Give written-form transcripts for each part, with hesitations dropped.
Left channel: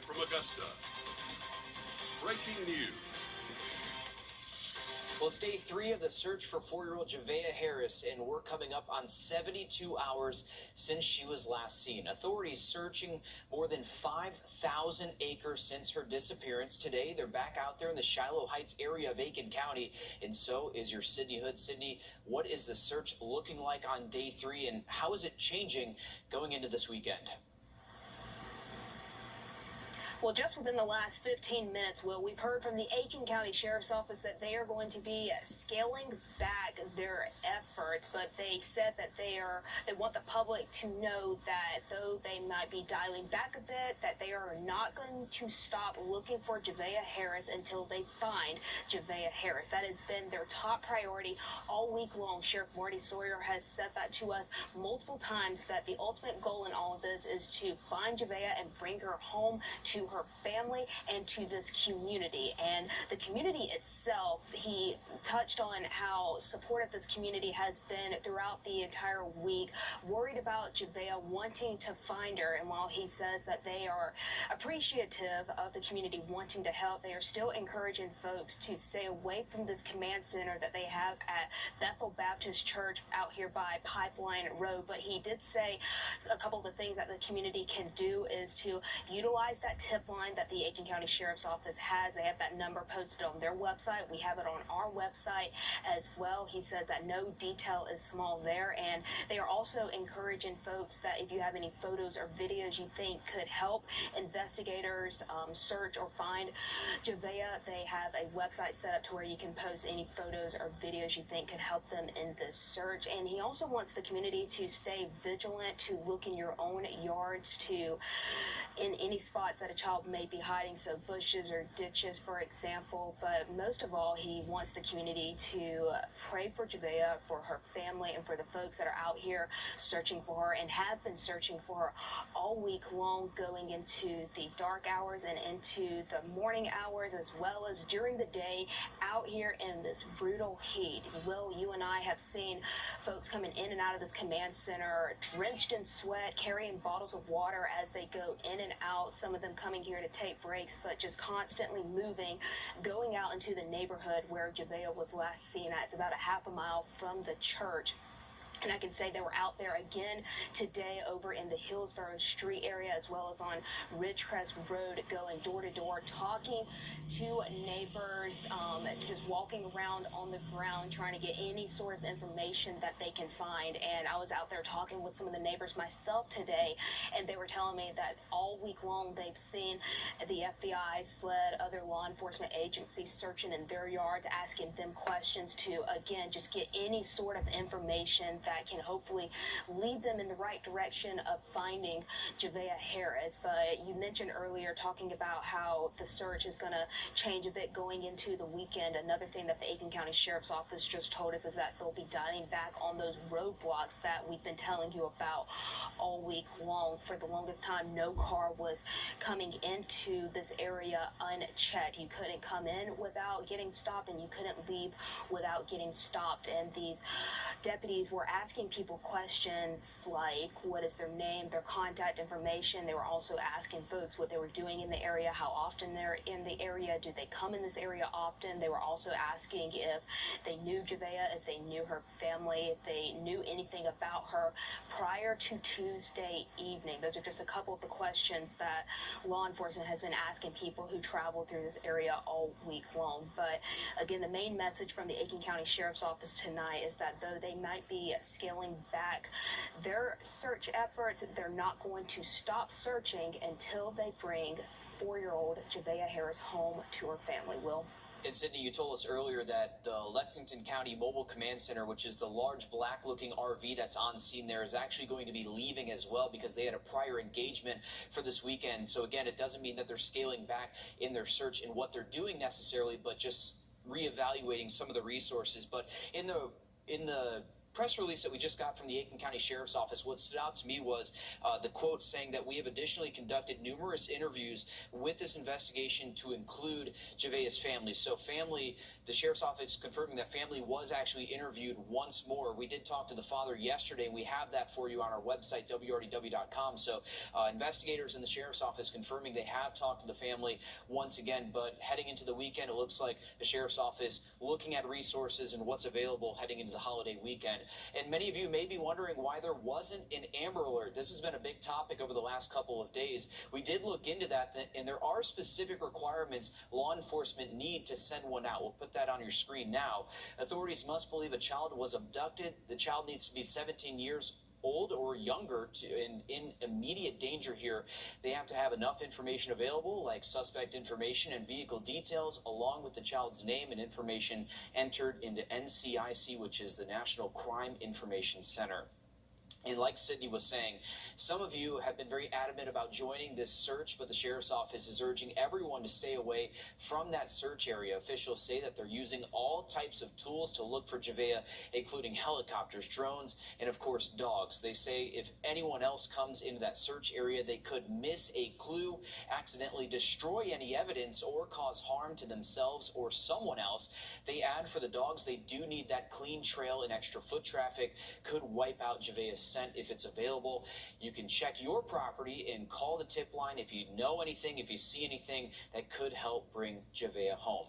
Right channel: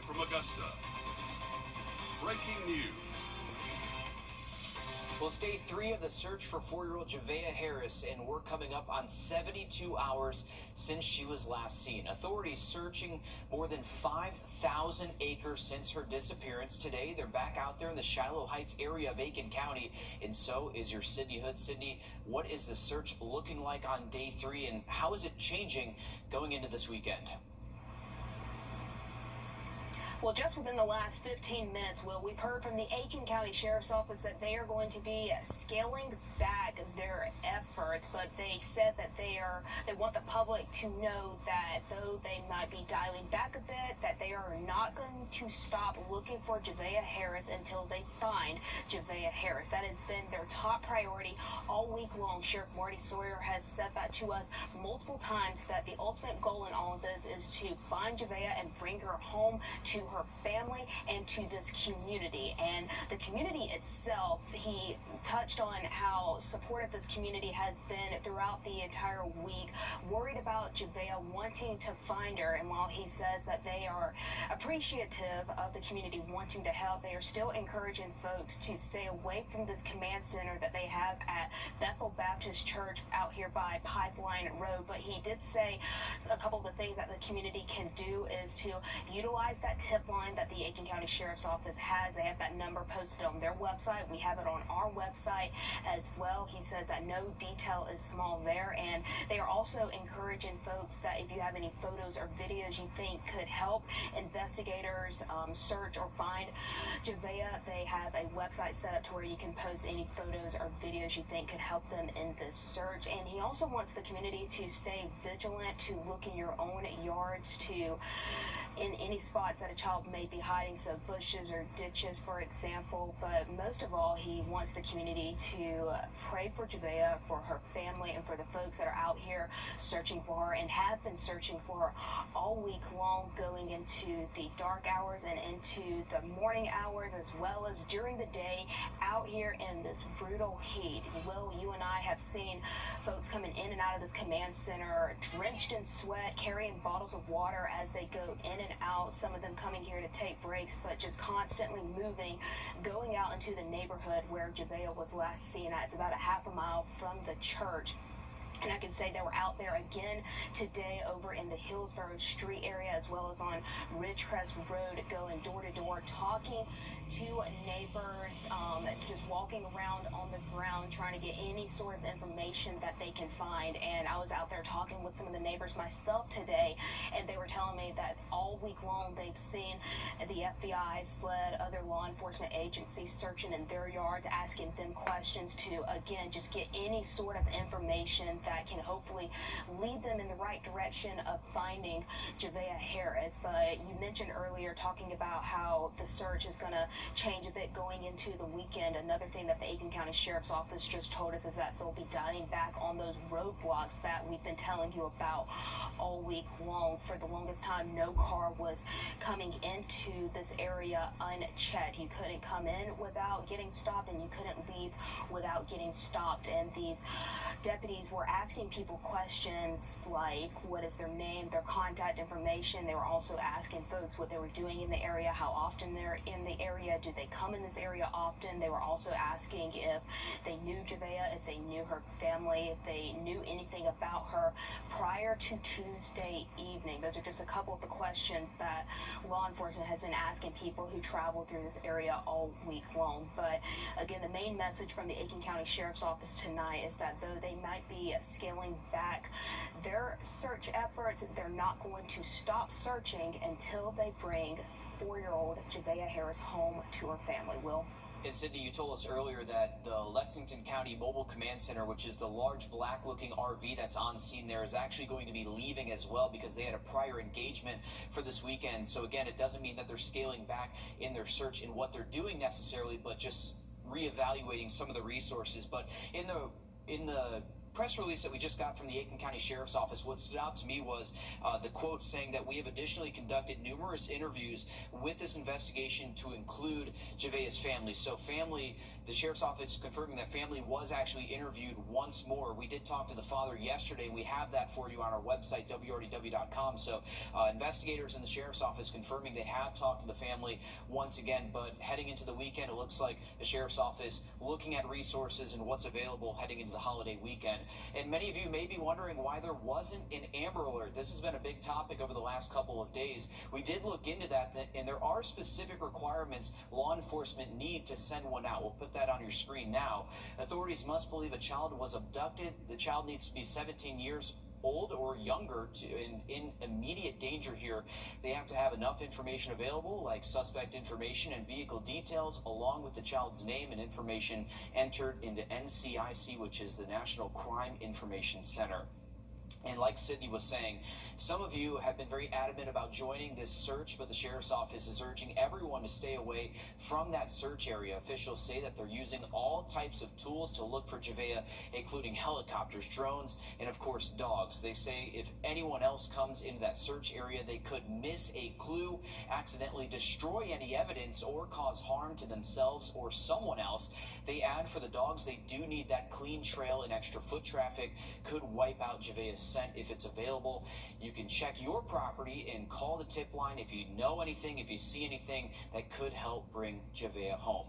Live from Augusta. Breaking news. Well, it's day 3 of the search for 4-year-old Wrdw Harris, and we're coming up on 72 hours since she was last seen. Authorities searching more than 5,000 acres since her disappearance. Today, they're back out there in the Shiloh Heights area of Aiken County, and so is your Sydney Hood. Sydney, what is the search looking like on day 3, and how is it changing going into this weekend? Well, just within the last 15 minutes, Will, we've heard from the Aiken County Sheriff's Office that they are going to be scaling back their efforts, but they said that they want the public to know that though they might be dialing back a bit, that they are not going to stop looking for Wrdw Harris until they find Wrdw Harris. That has been their top priority all week long. Sheriff Marty Sawyer has said that to us multiple times, that the ultimate goal in all of this is to find Wrdw and bring her home to her family and to this community. And the community itself, he touched on how supportive this community has been throughout the entire week, worried about Wrdw, wanting to find her. And while he says that they are appreciative of the community wanting to help, they are still encouraging folks to stay away from this command center that they have at Bethel Baptist Church out here by Pipeline Road. But he did say a couple of the things that the community can do is to utilize that tip line that the Aiken County Sheriff's Office has. They have that number posted on their website. We have it on our website as well. He says that no detail is small there, and they are also encouraging folks that if you have any photos or videos you think could help investigators search or find Wrdw, they have a website set up to where you can post any photos or videos you think could help them in this search. And he also wants the community to stay vigilant, to look in your own yards, to in any spots that a child may be hiding, so bushes or ditches, for example. But most of all, he wants the community to pray for Wrdw, for her family, and for the folks that are out here searching for her and have been searching for her all week long, going into the dark hours and into the morning hours, as well as during the day out here in this brutal heat. Will, you and I have seen folks coming in and out of this command center drenched in sweat, carrying bottles of water as they go in and out, some of them coming here to take breaks, but just constantly moving, going out into the neighborhood where Wrdw was last seen at. It's about a half a mile from the church. And I can say they were out there again today over in the Hillsborough Street area, as well as on Ridgecrest Road, going door to door, talking to neighbors, just walking around on the ground, trying to get any sort of information that they can find. And I was out there talking with some of the neighbors myself today, and they were telling me that all week long they've seen the FBI, SLED, other law enforcement agencies searching in their yards, asking them questions to, again, just get any sort of information that can hopefully lead them in the right direction of finding Wrdw Harris. But you mentioned earlier talking about how the search is going to change a bit going into the weekend. Another thing that the Aiken County Sheriff's Office just told us is that they'll be dialing back on those roadblocks that we've been telling you about all week long. For the longest time, no car was coming into this area unchecked. You couldn't come in without getting stopped, and you couldn't leave without getting stopped. And these deputies were asking people questions like what is their name, their contact information. They were also asking folks what they were doing in the area, how often they're in the area, do they come in this area often. They were also asking if they knew Wrdw, if they knew her family, if they knew anything about her prior to Tuesday evening. Those are just a couple of the questions that law enforcement has been asking people who travel through this area all week long. But again, the main message from the Aiken County Sheriff's Office tonight is that though they might be scaling back their search efforts, they're not going to stop searching until they bring 4-year-old Wrdw Harris home to her family. Will? And Sydney, you told us earlier that the Lexington County Mobile Command Center, which is the large black-looking RV that's on scene there, is actually going to be leaving as well because they had a prior engagement for this weekend. So again, it doesn't mean that they're scaling back in their search in what they're doing necessarily, but just reevaluating some of the resources. But in the press release that we just got from the Aiken County Sheriff's Office, what stood out to me was the quote saying that we have additionally conducted numerous interviews with this investigation to include Javea's family. So family, the Sheriff's Office confirming that family was actually interviewed once more. We did talk to the father yesterday. We have that for you on our website, Wrdw.com. So investigators in the Sheriff's Office confirming they have talked to the family once again, but heading into the weekend, it looks like the Sheriff's Office looking at resources and what's available heading into the holiday weekend. And many of you may be wondering why there wasn't an Amber Alert. This has been a big topic over the last couple of days. We did look into that, and there are specific requirements law enforcement need to send one out. We'll put that on your screen now. Authorities must believe a child was abducted. The child needs to be 17 years old or younger in immediate danger here. They have to have enough information available, like suspect information and vehicle details, along with the child's name and information entered into NCIC, which is the National Crime Information Center. And like Sydney was saying, some of you have been very adamant about joining this search, but the Sheriff's Office is urging everyone to stay away from that search area. Officials say that they're using all types of tools to look for Javea, including helicopters, drones, and of course dogs. They say if anyone else comes into that search area, they could miss a clue, accidentally destroy any evidence, or cause harm to themselves or someone else. They add for the dogs, they do need that clean trail, and extra foot traffic could wipe out Javea's scent if it's available. You can check your property and call the tip line if you know anything, if you see anything that could help bring Javea home.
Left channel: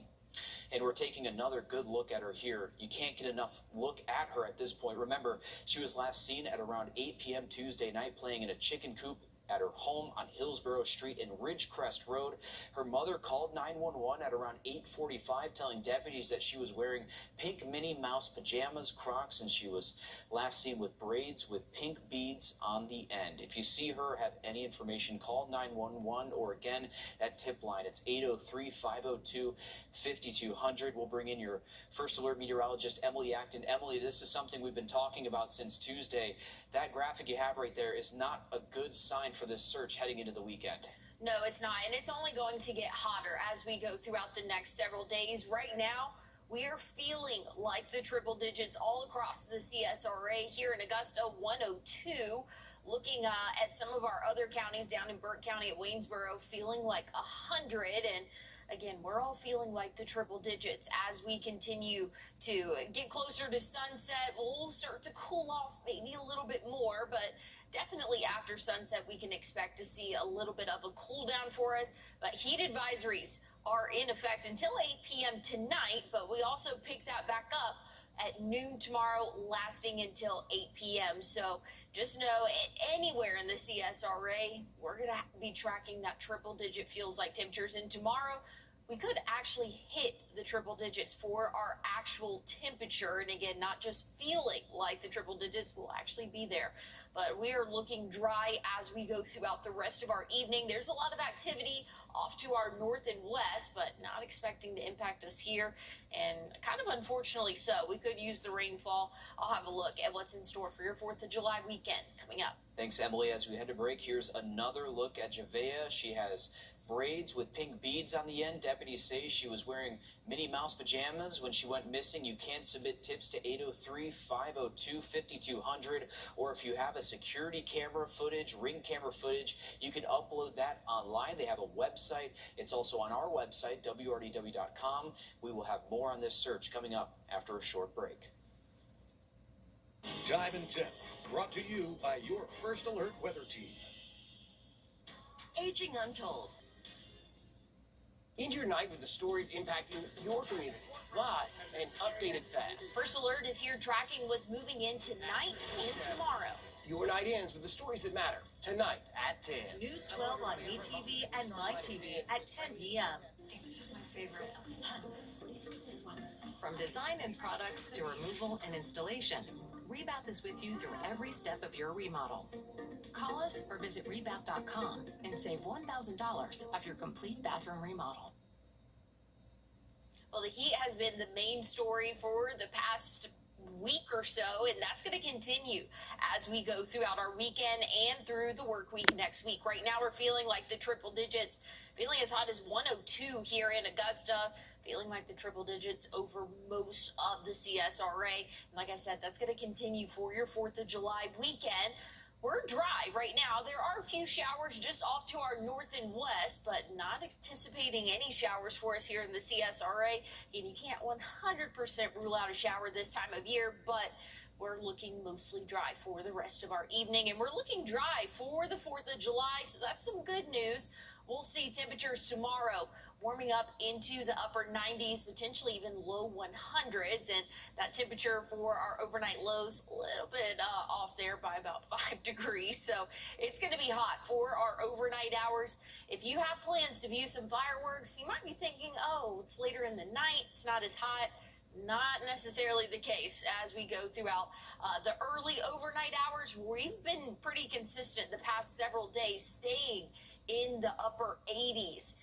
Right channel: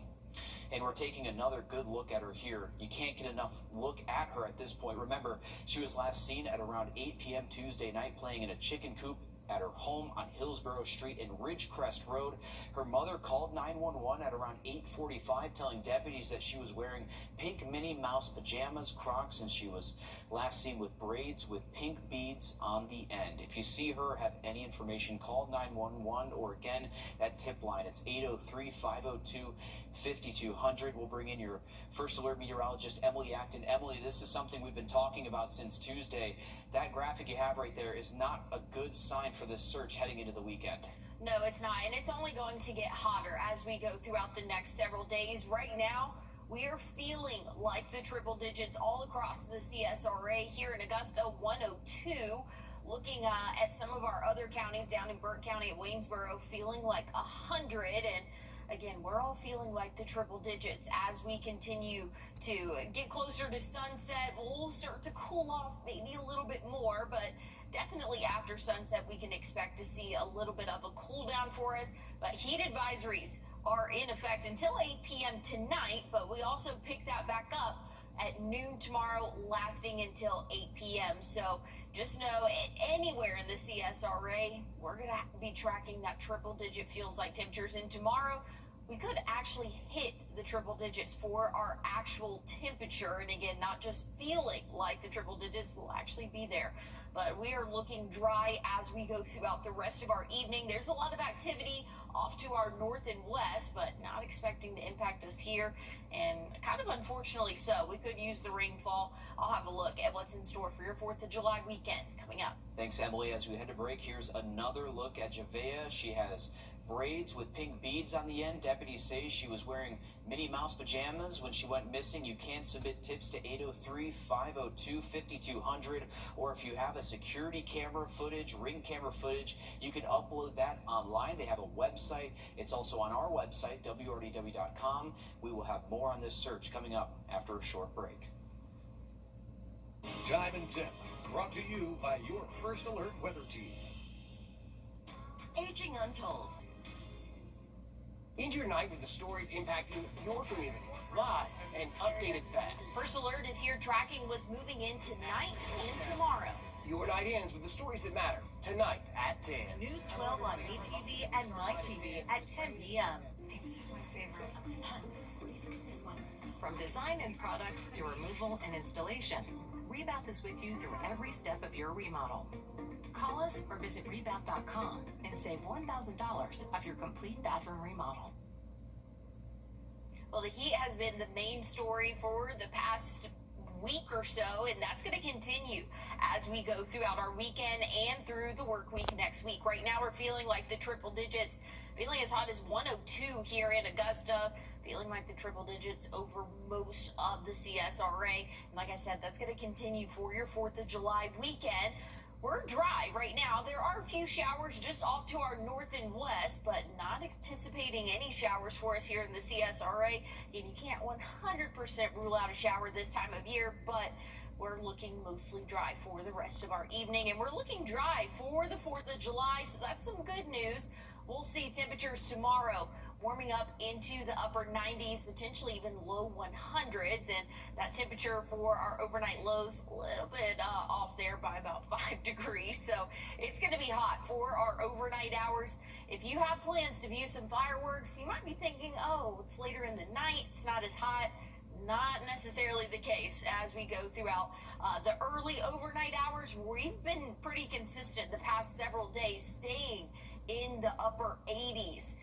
And we're taking another good look at her here. You can't get enough look at her at this point. Remember, she was last seen at around 8 p.m. Tuesday night playing in a chicken coop at her home on Hillsborough Street and Ridgecrest Road. Her mother called 911 at around 8:45, telling deputies that she was wearing pink Minnie Mouse pajamas, Crocs, and she was last seen with braids with pink beads on the end. If you see her, have any information, call 911, or again, that tip line. It's 803-502-5200. We'll bring in your First Alert meteorologist, Emily Acton. Emily, this is something we've been talking about since Tuesday. That graphic you have right there is not a good sign for this search heading into the weekend. No, it's not, and it's only going to get hotter as we go throughout the next several days. Right now, we are feeling like the triple digits all across the CSRA. Here in Augusta, 102. Looking at some of our other counties down in Burke County at Waynesboro, feeling like 100. And again, we're all feeling like the triple digits as we continue to get closer to sunset. We'll start to cool off maybe a little bit more, but definitely after sunset, we can expect to see a little bit of a cool down for us. But heat advisories are in effect until 8 p.m. tonight, but we also pick that back up at noon tomorrow, lasting until 8 p.m. So just know anywhere in the CSRA, we're going to be tracking that triple digit feels like temperatures. And tomorrow, we could actually hit the triple digits for our actual temperature. And again, not just feeling like the triple digits will actually be there. But we are looking dry as we go throughout the rest of our evening. There's a lot of activity off to our north and west, but not expecting to impact us here. And kind of unfortunately so. We could use the rainfall. I'll have a look at what's in store for your 4th of July weekend coming up. Thanks, Emily. As we head to break, here's another look at Javea. She has braids with pink beads on the end. Deputies say she was wearing Minnie Mouse pajamas when she went missing. You can submit tips to 803-502-5200, or if you have a security camera footage, ring camera footage, you can upload that online. They have a website. It's also on our website, Wrdw.com. We will have more on this search coming up after a short break. Time and Temp, brought to you by your First Alert weather team. Aging Untold. End your night with the stories impacting your community. Live and updated fast. First Alert is here tracking what's moving in tonight and tomorrow. Your night ends with the stories that matter. Tonight at 10. News 12 on ATV and MyTV at 10 p.m. This is my favorite. What do you think of this one? From design and products to removal and installation, Rebath is with you through every step of your remodel. Call us or visit rebath.com and save $1,000 off your complete bathroom remodel. Well, the heat has been the main story for the past week or so, and that's going to continue as we go throughout our weekend and through the work week next week. Right now, we're feeling like the triple digits, feeling as hot as 102 here in Augusta. feeling like the triple digits over most of the CSRA. And like I said, that's going to continue for your 4th of July weekend. We're dry right now. There are a few showers just off to our north and west, but not anticipating any showers for us here in the CSRA. And you can't 100% rule out a shower this time of year, but we're looking mostly dry for the rest of our evening, and we're looking dry for the 4th of July, so that's some good news. We'll see temperatures tomorrow warming up into the upper 90s, potentially even low 100s, and that temperature for our overnight lows a little bit off there by about 5 degrees. So it's going to be hot for our overnight hours. If you have plans to view some fireworks, you might be thinking, oh, it's later in the night, it's not as hot. Not necessarily the case as we go throughout the early overnight hours. We've been pretty consistent the past several days, staying in the upper 80s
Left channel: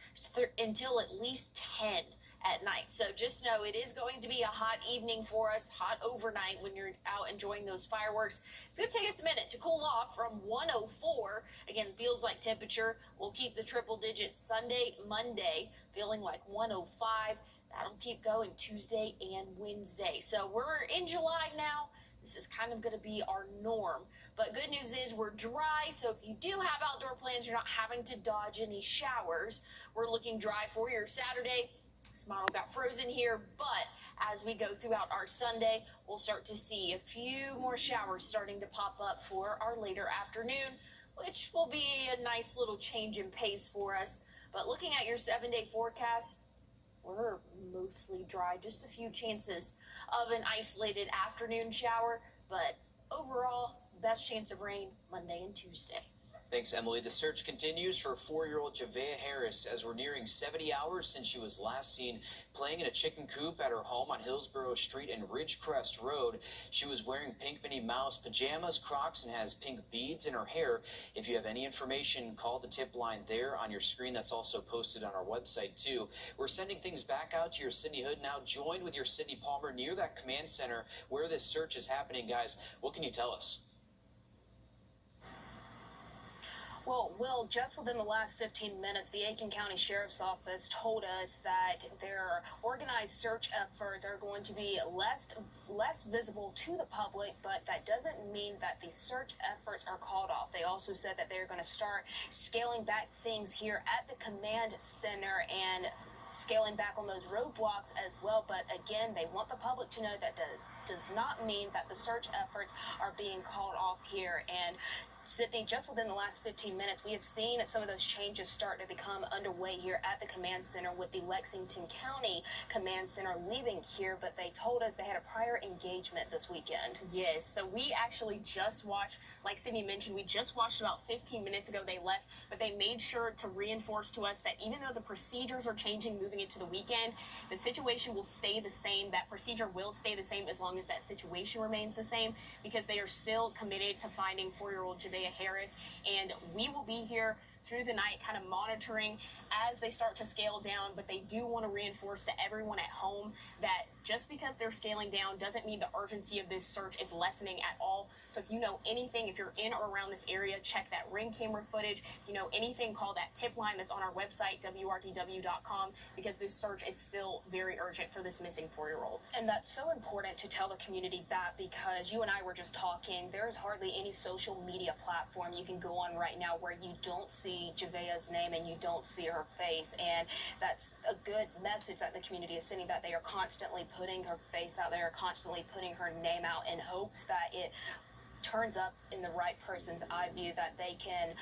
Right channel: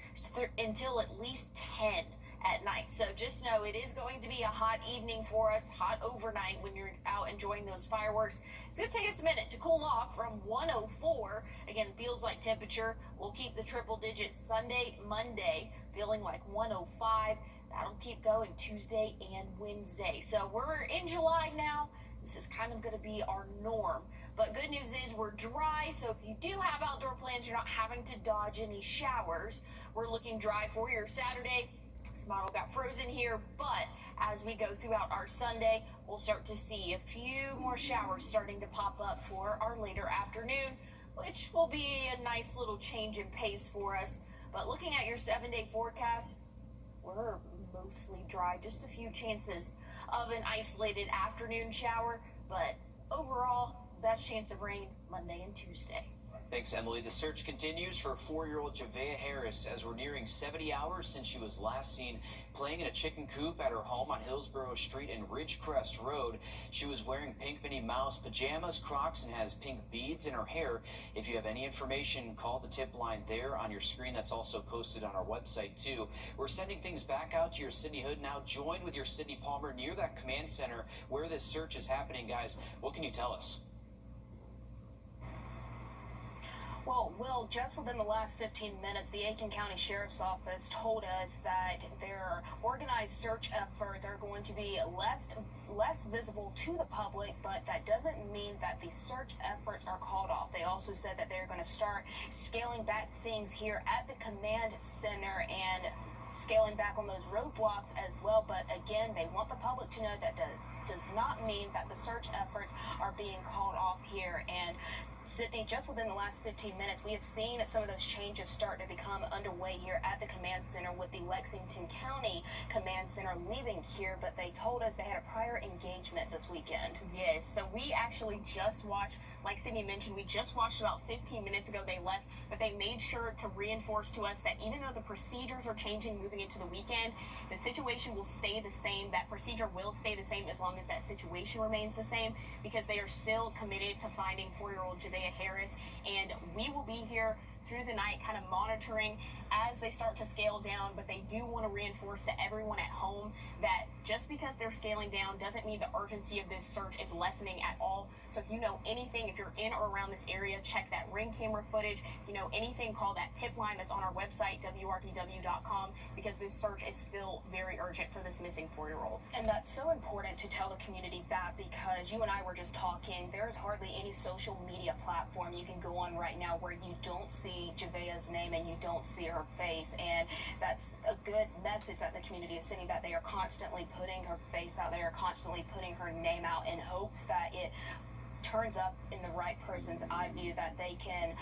until at least 10 at night. So just know it is going to be a hot evening for us, hot overnight when you're out enjoying those fireworks. It's going to take us a minute to cool off from 104. Again, feels like temperature. We'll keep the triple digits Sunday, Monday, feeling like 105. That'll keep going Tuesday and Wednesday. So we're in July now. This is kind of going to be our norm. But good news is we're dry, so if you do have outdoor plans, you're not having to dodge any showers. We're looking dry for your Saturday. This model got frozen here, but as we go throughout our Sunday, we'll start to see a few more showers starting to pop up for our later afternoon, which will be a nice little change in pace for us. But looking at your 7-day forecast, we're mostly dry, just a few chances of an isolated afternoon shower, but overall, best chance of rain Monday and Tuesday. Thanks, Emily. The search continues for 4-year-old Javea Harris as we're nearing 70 hours since she was last seen playing in a chicken coop at her home on Hillsborough Street and Ridgecrest Road. She was wearing pink Minnie Mouse pajamas, Crocs, and has pink beads in her hair. If you have any information, call the tip line there on your screen. That's also posted on our website, too. We're sending things back out to your Sydney Hood now. Join with your Sydney Palmer near that command center where this search is happening, guys. What can you tell us? Well, Will, just within the last 15 minutes, the Aiken County Sheriff's Office told us that their organized search efforts are going to be less visible to the public, but that doesn't mean that the search efforts are called off. They also said that they're going to start scaling back things here at the command center and scaling back on those roadblocks as well. But again, they want the public to know that does not mean that the search efforts are being called off here. And Sydney, just within the last 15 minutes, we have seen some of those changes start to become underway here at the command center with the Lexington County Command Center leaving here, but they told us they had a prior engagement this weekend. Yes, so we actually just watched, like Sydney mentioned, we just watched about 15 minutes ago they left, but they made sure to reinforce to us that even though the procedures are changing moving into the weekend, the situation will stay the same. That procedure will stay the same as long as that situation remains the same, because they are still committed to finding 4-year-old Javea Harris, and we will be here through the night kind of monitoring as they start to scale down. But they do want to reinforce to everyone at home that just because they're scaling down doesn't mean the urgency of this search is lessening at all. So if you know anything, if you're in or around this area, check that ring camera footage. If you know anything, call that tip line that's on our website, wrdw.com, because this search is still very urgent for this missing 4-year-old. And that's so important to tell the community that, because you and I were just talking, there is hardly any social media platform you can go on right now where you don't see Javea's name and you don't see her face. And that's a good message that the community is sending, that they are constantly putting her face out there, constantly putting her name out in hopes that it turns up in the right person's eye view, that they can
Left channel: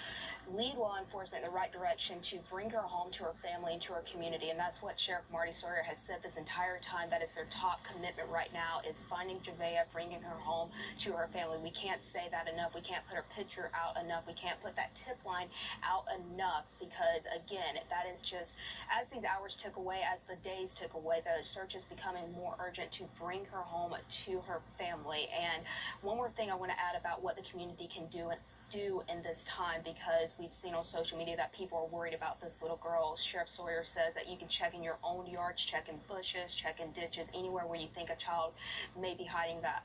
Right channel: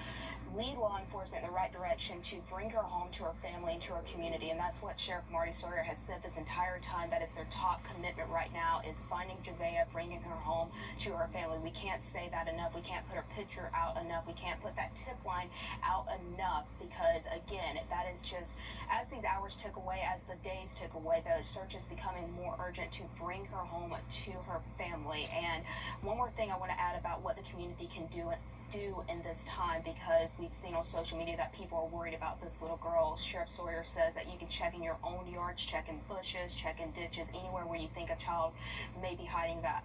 lead law enforcement in the right direction to bring her home to her family and to her community. And that's what Sheriff Marty Sawyer has said this entire time. That is their top commitment right now, is finding Javea, bringing her home to her family. We can't say that enough. We can't put her picture out enough. We can't put that tip line out enough, because again, that is just, as these hours took away, as the days took away, the search is becoming more urgent to bring her home to her family. And one more thing I want to add about what the community can do do in this time, because we've seen on social media that people are worried about this little girl. Sheriff Sawyer says that you can check in your own yards, check in bushes, check in ditches, anywhere where you think a child may be hiding at.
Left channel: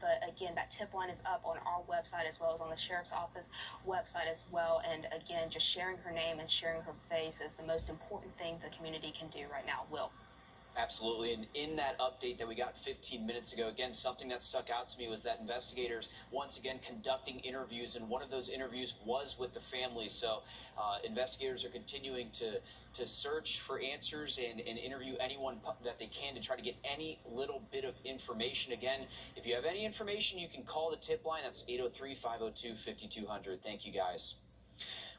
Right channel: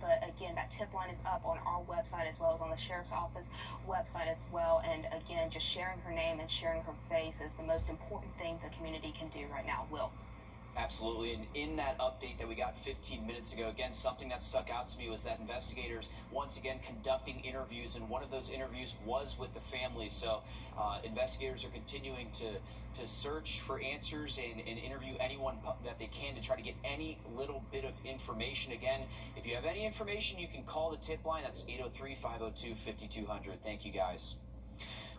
But again, that tip line is up on our website as well as on the sheriff's office website as well. And again, just sharing her name and sharing her face is the most important thing the community can do right now. Will. Absolutely, and in that update that we got 15 minutes ago, again, something that stuck out to me was that investigators, once again, conducting interviews, and one of those interviews was with the family. So investigators are continuing to search for answers and interview anyone that they can to try to get any little bit of information. Again, if you have any information, you can call the tip line. That's 803-502-5200. Thank you, guys.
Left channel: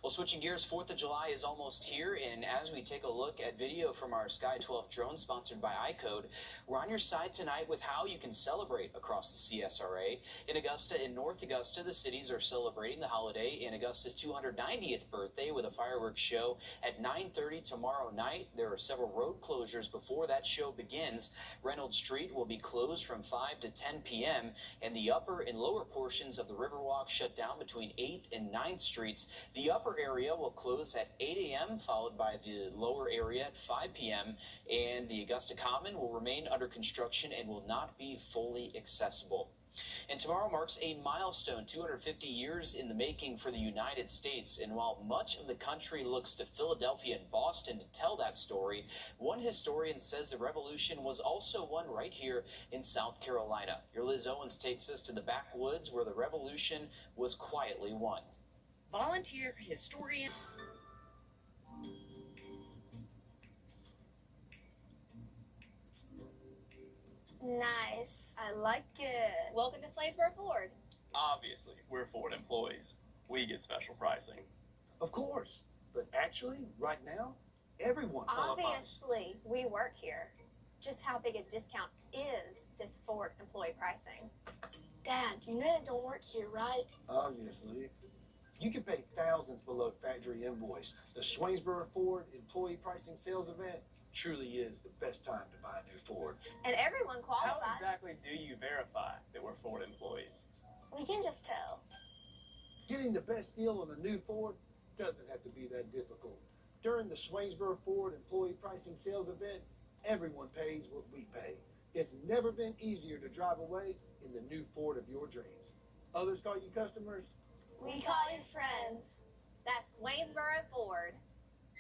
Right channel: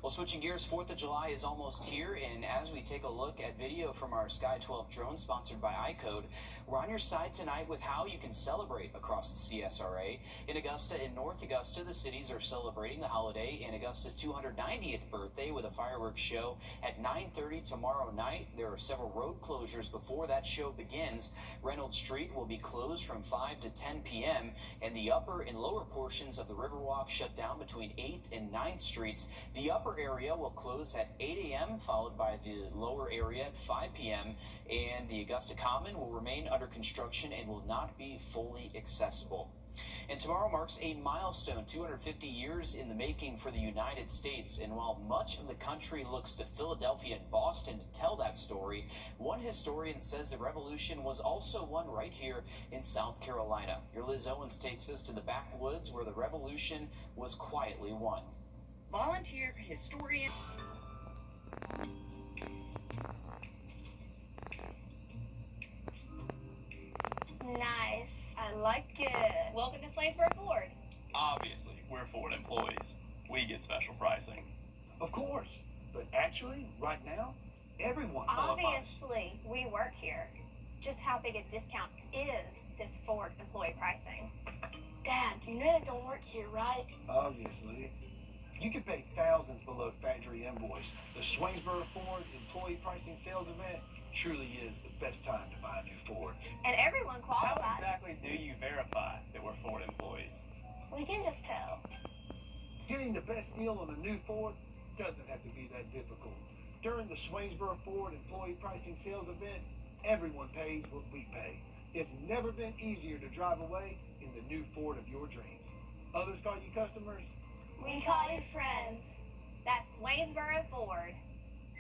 Well, switching gears, 4th of July is almost here, and as we take a look at video from our Sky 12 drone sponsored by iCode, we're on your side tonight with how you can celebrate across the CSRA. In Augusta and North Augusta, the cities are celebrating the holiday in Augusta's 290th birthday with a fireworks show at 9:30 tomorrow night. There are several road closures before that show begins. Reynolds Street will be closed from 5 to 10 p.m., and the upper and lower portions of the Riverwalk shut down between 8th and 9th Streets. The upper area will close at 8 a.m., followed by the lower area at 5 p.m., and the Augusta Common will remain under construction and will not be fully accessible. And tomorrow marks a milestone, 250 years in the making for the United States. And while much of the country looks to Philadelphia and Boston to tell that story, one historian says the revolution was also won right here in South Carolina. Your Liz Owens takes us to the backwoods where the revolution was quietly won. Volunteer historian. Nice. I like it. Welcome to Swainsboro Ford. Obviously, we're Ford employees. We get special pricing. Of course, but actually, right now, everyone qualifies. Obviously, we work here. Just how big a discount is this Ford employee pricing? Dad, you know they don't work here, right? Obviously. You can pay thousands below factory invoice. The Swainsboro Ford Employee Pricing Sales Event truly is the best time to buy a new Ford. And everyone qualifies. How exactly do you verify that we're Ford employees? We can just tell. Getting the best deal on a new Ford doesn't have to be that difficult. During the Swainsboro Ford Employee Pricing Sales Event, everyone pays what we pay. It's never been easier to drive away in the new Ford of your dreams. Others call you customers? We call you friends. That's Swainsboro Ford.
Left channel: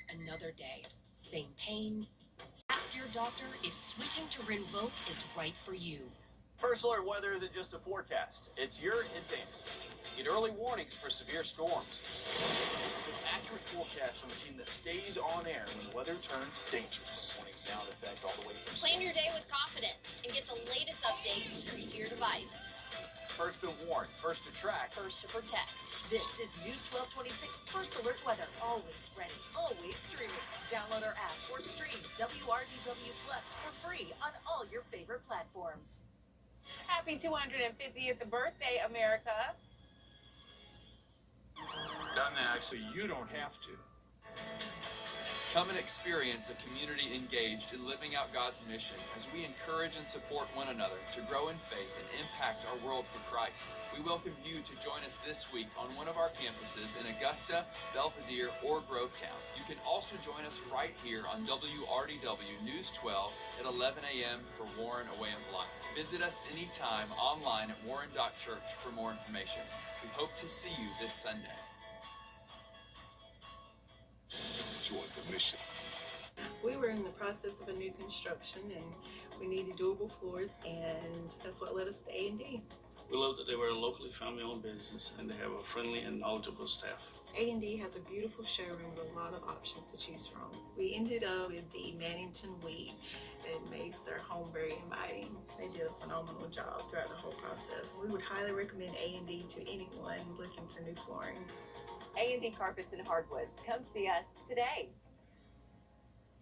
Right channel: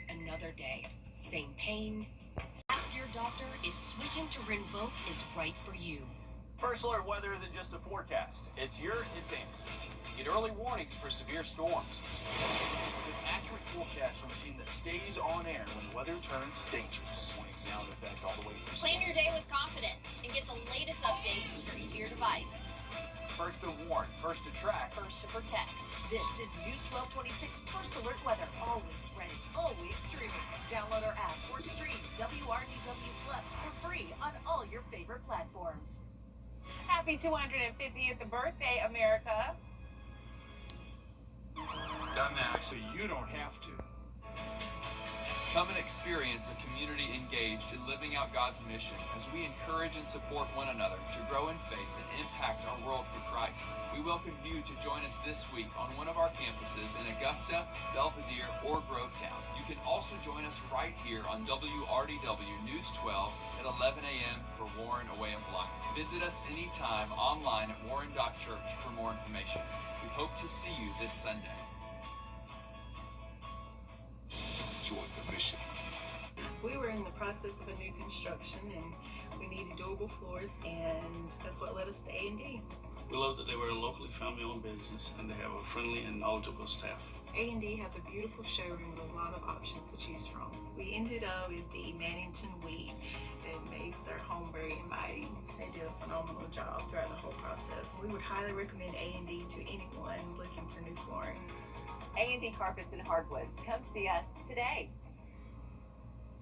Another day, same pain. Ask your doctor if switching to Rinvoq is right for you. First Alert Weather isn't just a forecast, it's your advantage. Get early warnings for severe storms. An accurate forecast from a team that stays on air when the weather turns dangerous. Warning sound effect all the way from Plan your day with confidence and get the latest updates straight to your device. First to warn, first to track, First to protect. This is News 1226 First Alert Weather. Always ready, always streaming. Download our app or stream WRDW Plus for free on all your favorite platforms. Happy 250th birthday, America. Doesn't actually, you don't have to. Come and experience a community engaged in living out God's mission as we encourage and support one another to grow in faith and impact our world for Christ. We welcome you to join us this week on one of our campuses in Augusta, Belvedere, or Grovetown. You can also join us right here on WRDW News 12 at 11 a.m. for Warren A Way of Life. Visit us anytime online at warren.church for more information. We hope to see you this Sunday. Join the mission. We were in the process of a new construction and we needed doable floors, and that's what led us to A&D. We love that they were a locally family-owned business and they have a friendly and knowledgeable staff. A&D has a beautiful showroom with a lot of options to choose from. We ended up with the Mannington Wheat that makes their home very inviting. They did a phenomenal job throughout the whole process. We would highly recommend A&D to anyone looking for new flooring. A&D Carpets and Hardwoods. Come see us today.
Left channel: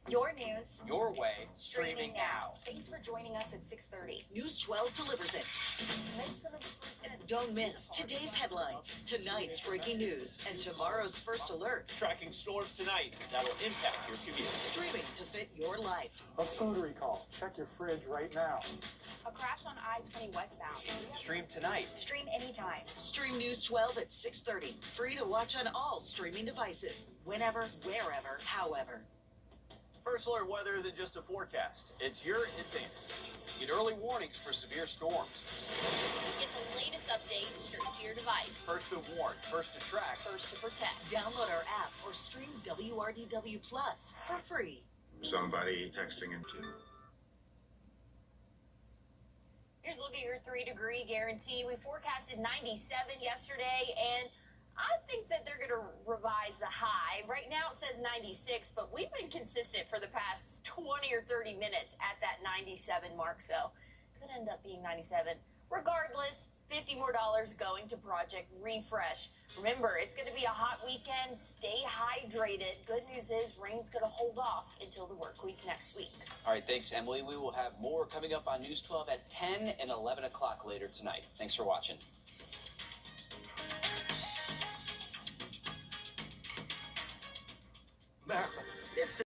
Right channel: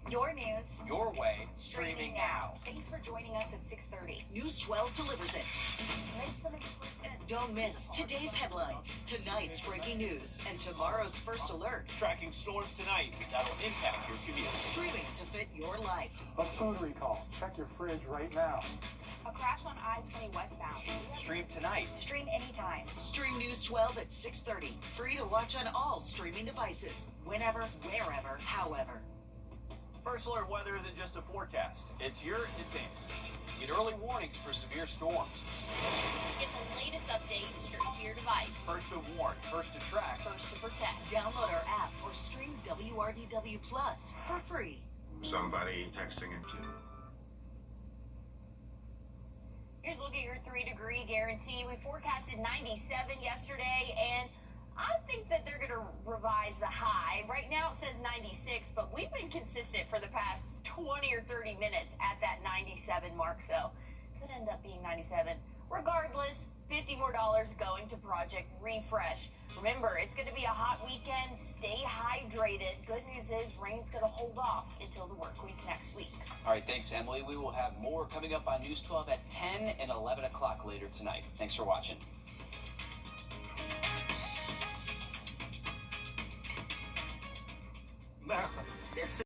Your news. Your way, streaming now. Thanks for joining us at 6:30. News 12 delivers it. Don't miss today's headlines, tonight's breaking news, and tomorrow's first alert. Tracking storms tonight that'll impact your commute. Streaming to fit your life. A food recall. Check your fridge right now. A crash on I-20 westbound. Stream tonight. Stream anytime. Stream News 12 at 6:30. Free to watch on all streaming devices. Whenever, wherever, however. First alert weather isn't just a forecast, it's your advantage. Get early warnings for severe storms. Get the latest update straight to your device. First to warn, first to track, First to protect. Download our app or stream WRDW Plus for free. Somebody texting into. Here's a look at your 3-degree guarantee. We forecasted 97 yesterday, and I think that they're going to revise the high. Right now it says 96, but we've been consistent for the past 20 or 30 minutes at that 97 mark, so could end up being 97. Regardless, $50 more going to Project Refresh. Remember, it's going to be a hot weekend. Stay hydrated. Good news is rain's going to hold off until the work week next week. All right, thanks, Emily. We will have more coming up on News 12 at 10 and 11 o'clock later tonight. Thanks for watching.